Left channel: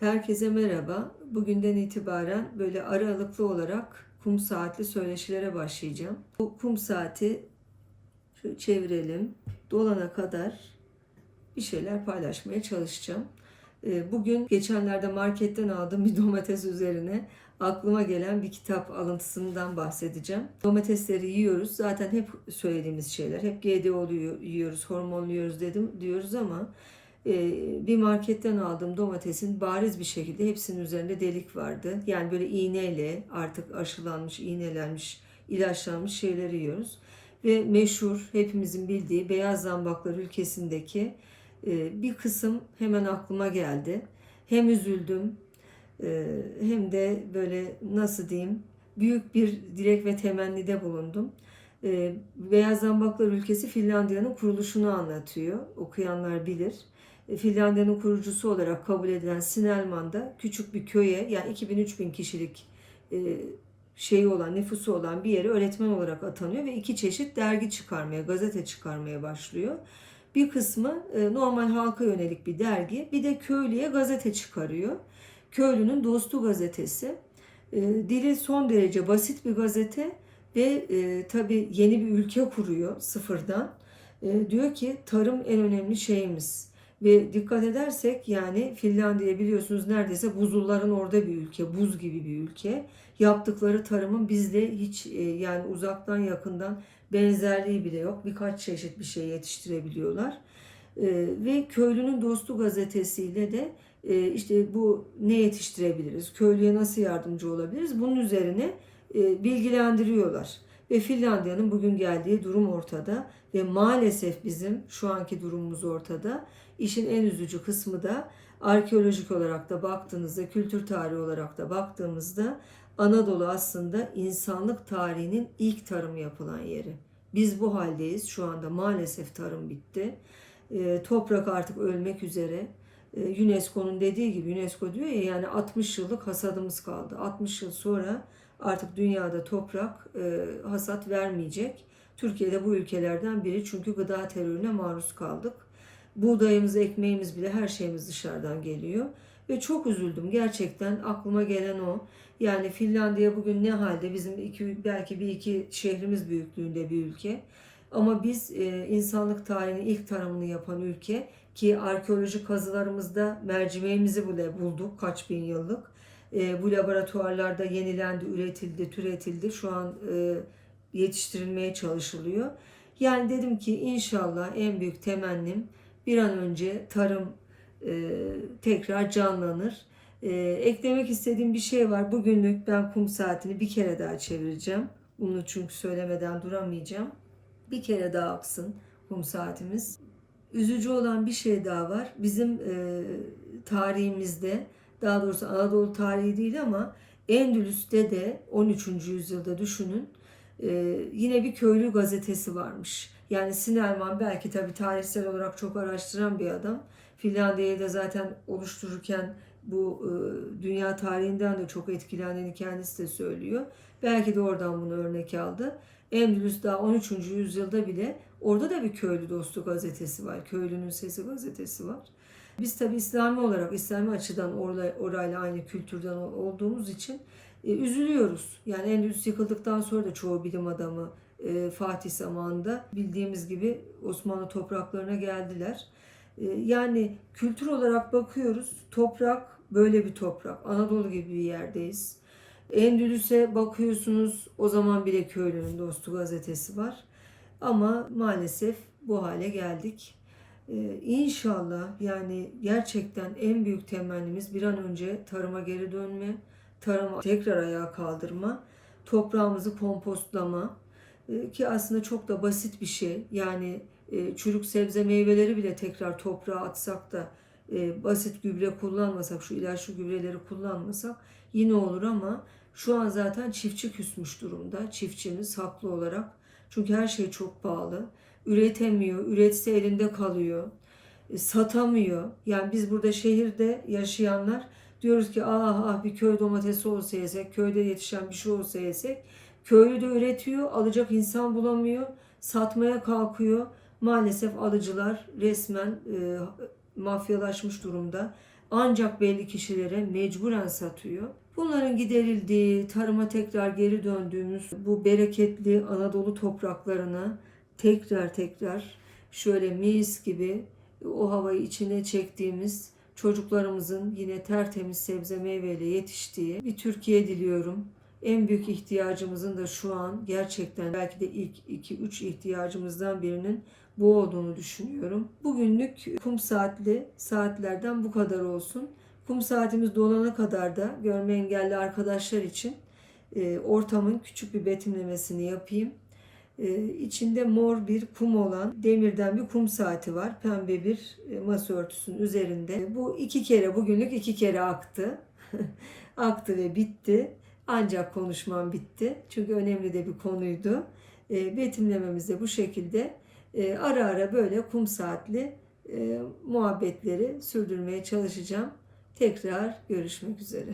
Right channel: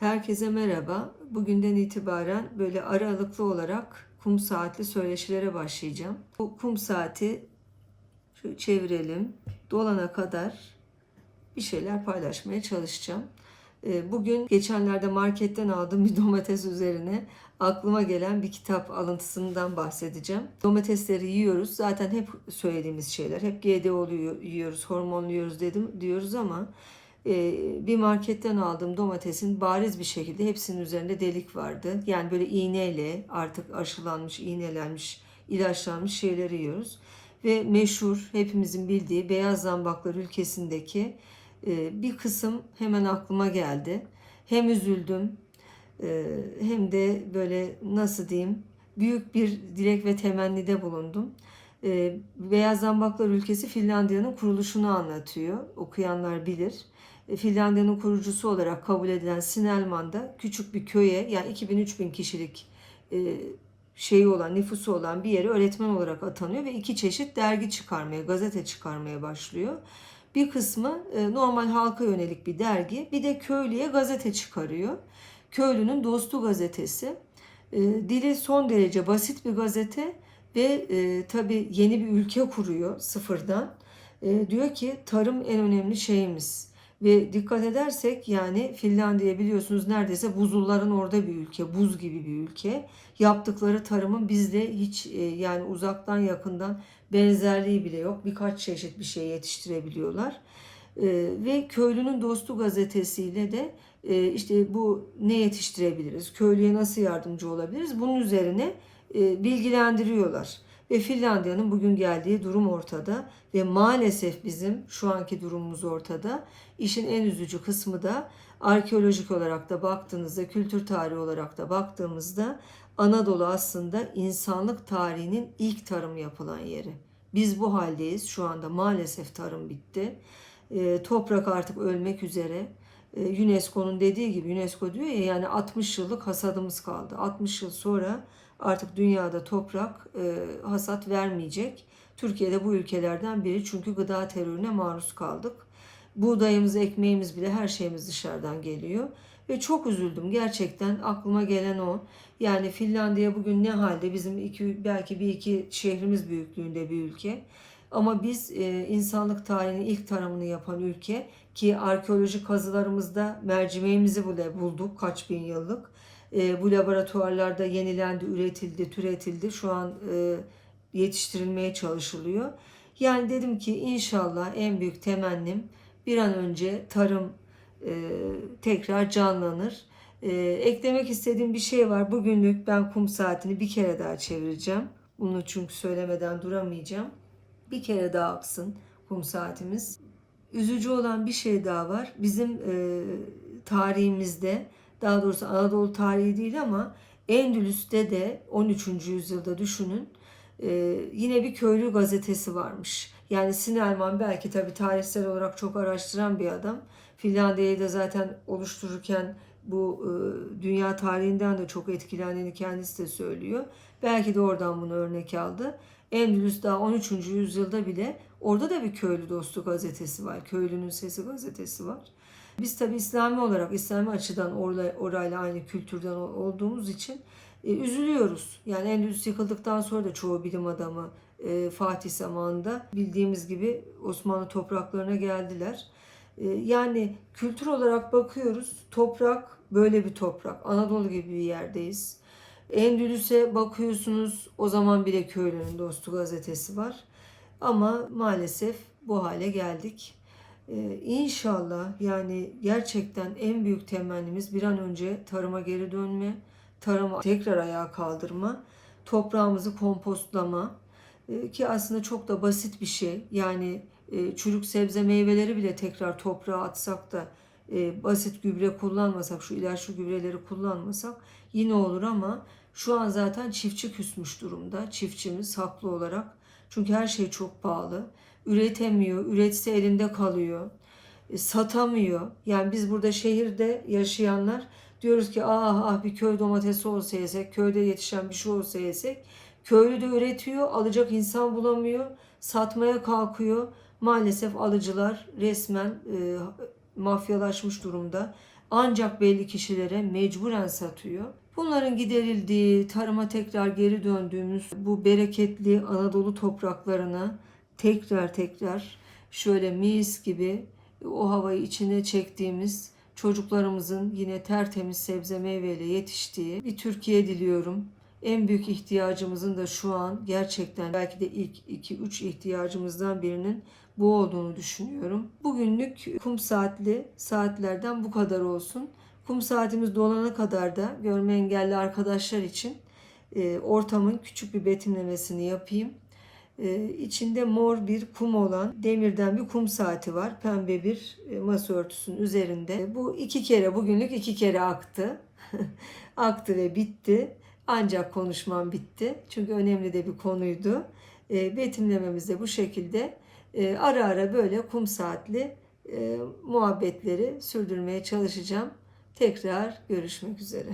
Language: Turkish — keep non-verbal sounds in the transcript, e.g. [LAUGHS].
Herkese merhaba. Bugünden itibaren böyle aralıklı olarak kum saatli söyleşilere başlayacağım. Bu kum saati şu çevirelim. Dolana kadar bir şeyler paylaşmaya çalışacağım. Ee, Bugün geçenlerde marketten aldığım bir domates üzerine aklıma gelen bir kitap alıntısından bahsedeceğim. Domatesleri yiyoruz. Zaten hep söylediğimiz şeyler. Hep GDO'lu yiyoruz, hormonlu yiyoruz dedim diyoruz ama bir marketten aldığım domatesin bariz bir şekilde hepsinin üzerinde delik vardı. Yani böyle iğneyle artık aşılanmış, iğnelenmiş, ilaçlanmış şeyleri yiyoruz. Ve meşhur hepimizin bildiği beyaz zambaklar ülkesindeki e, bir kısım hemen aklıma geldi. Hem üzüldüm e, hem de böyle nasıl diyeyim büyük bir dilek ve temennide bulundum. E, Beyaz Zambaklar ülkesi Finlandiya'nın kuruluşunu anlatıyor. Okuyanlar bilir. E, Finlandiya'nın kurucusu olarak kabul edilen Sinelman'da küçük bir köye yani 2000-3000 kişilik e, şeyi olan, nüfusu olan bir yere öğretmen olarak atanıyor ve iki çeşit dergi çıkarmaya, gazete çıkarmaya başlıyor. Bir kısmı e, normal halka yönelik bir dergi, bir de köylüye gazete çıkarıyor. Köylünün Dostu gazetesi. E, Dili son derece basit bir gazete ve e, tabii yeni bir ülke kuruyor sıfırdan. E, diyor ki tarım en önemli şeyimiz. Ve dikkat edersek yani Finlandiya biliyorsunuz neredeyse buzulların orada bir ülke, buz gibi bir ülke. Yaptıkları tarımın bizde hiç e, yani uzaktan yakından benzerliği bile yok. Birkaç çeşit bir şey yetiştirebiliyorlar. E, ve Köylünün Dostu gazetesiyle de e, işte bu ne yetiştirebiliriz, köylüye nasıl yardımcı olabiliriz bunun üzerine bilgilendiriyorlar. Ve Finlandiya'nın bugün geldiği durum ortada ve maalesef bizim şu anki durumumuz ortada. İşin en üzücü kısmı da arkeolojik olarak da baktığınızda, kültür tarihi olarak da baktığımızda Anadolu aslında insanlık tarihinin ilk tarım yapılan yeri. Biz bu haldeyiz. Şu anda maalesef tarım bitti. E, toprak artık ölmek üzere. E, UNESCO'nun dediği gibi UNESCO diyor ya yani 60 yıllık hasadımız kaldı. 60 yıl sonra artık dünyada toprak e, hasat vermeyecek. Türkiye'de bu ülkelerden biri çünkü gıda terörüne maruz kaldık. Buğdayımız, ekmeğimiz bile her şeyimiz dışarıdan geliyor. Ve çok üzüldüm gerçekten aklıma gelen o. Yani Finlandiya bugün ne halde bizim iki, belki bir iki şehrimiz büyüklüğünde bir ülke. Ama biz e, insanlık tarihinin ilk tarımını yapan ülke ki arkeolojik kazılarımızda mercimeğimizi bile bulduk kaç bin yıllık. E, bu laboratuvarlarda yenilendi, üretildi, türetildi. Şu an e, yetiştirilmeye çalışılıyor. Yani dedim ki inşallah en büyük temennim bir an önce tarım tekrar canlanır. E, eklemek istediğim bir şey var. Bugünlük ben kum saatini bir kere daha çevireceğim. Bunu çünkü söylemeden duramayacağım. Bir kere daha aksın kum saatimiz. Üzücü olan bir şey daha var. Bizim e, tarihimizde daha doğrusu Anadolu tarihi değil ama Endülüs'te de 13. yüzyılda düşünün e, yine bir köylü gazetesi varmış. Yani Sinelman belki tabii tarihsel olarak çok araştıran bir adam. Finlandiya'yı da zaten oluştururken bu e, dünya tarihinden de çok etkilendiğini kendisi de söylüyor. Belki de oradan bunu örnek aldı. Endülüs daha 13. yüzyılda bile orada da bir köylü dostu gazetesi var. Köylünün Sesi gazetesi var. Biz tabi İslami olarak, İslami açıdan orayla, orayla aynı kültürden olduğumuz için e, üzülüyoruz. Yani Endülüs yıkıldıktan sonra da çoğu bilim adamı e, Fatih zamanında bildiğimiz gibi Osmanlı topraklarına geldiler. E, yani kültür olarak bakıyoruz. Toprak böyle bir toprak. Anadolu gibi bir yerdeyiz. Endülüs'e bakıyorsunuz o zaman bile köylünün dostu gazetesi var. Ama maalesef bu hale geldik. Ee, inşallah yani gerçekten en büyük temennimiz bir an önce tarıma geri dönme, tarıma tekrar ayağa kaldırma, toprağımızı kompostlama Ee, ki aslında çok da basit bir şey. Yani e, çürük sebze meyveleri bile tekrar toprağa atsak da e, basit gübre kullanmasak, şu ilaçlı gübreleri kullanmasak yine olur ama şu an zaten çiftçi küsmüş durumda. Çiftçimiz haklı olarak. Çünkü her şey çok pahalı. Üretemiyor. Üretse elinde kalıyor. E, satamıyor. Yani biz burada şehirde yaşayanlar diyoruz ki ah ah bir köy domatesi olsa yesek, köyde yetişen bir şey olsa yesek. Köylü de üretiyor, alacak insan bulamıyor, satmaya kalkıyor. Maalesef alıcılar resmen e, mafyalaşmış durumda. ancak belli kişilere mecburen satıyor. Bunların giderildiği, tarıma tekrar geri döndüğümüz bu bereketli Anadolu topraklarına tekrar tekrar şöyle mis gibi o havayı içine çektiğimiz çocuklarımızın yine tertemiz sebze meyveyle yetiştiği bir Türkiye diliyorum. En büyük ihtiyacımızın da şu an gerçekten belki de ilk 2-3 ihtiyacımızdan birinin bu olduğunu düşünüyorum. Bugünlük kum saatli saatlerden bu kadar olsun. Kum saatimiz dolana kadar da görme engelli arkadaşlar için e, ortamın küçük bir betimlemesini yapayım. E, içinde mor bir kum olan demirden bir kum saati var. Pembe bir e, masa örtüsünün üzerinde. Bu iki kere bugünlük iki kere aktı. [LAUGHS] aktı ve bitti. Ancak konuşmam bitti. Çünkü önemli de bir konuydu. E, betimlememiz de bu şekilde. E, ara ara böyle kum saatli e, muhabbetleri sürdürmeye çalışacağım. Tekrar görüşmek üzere.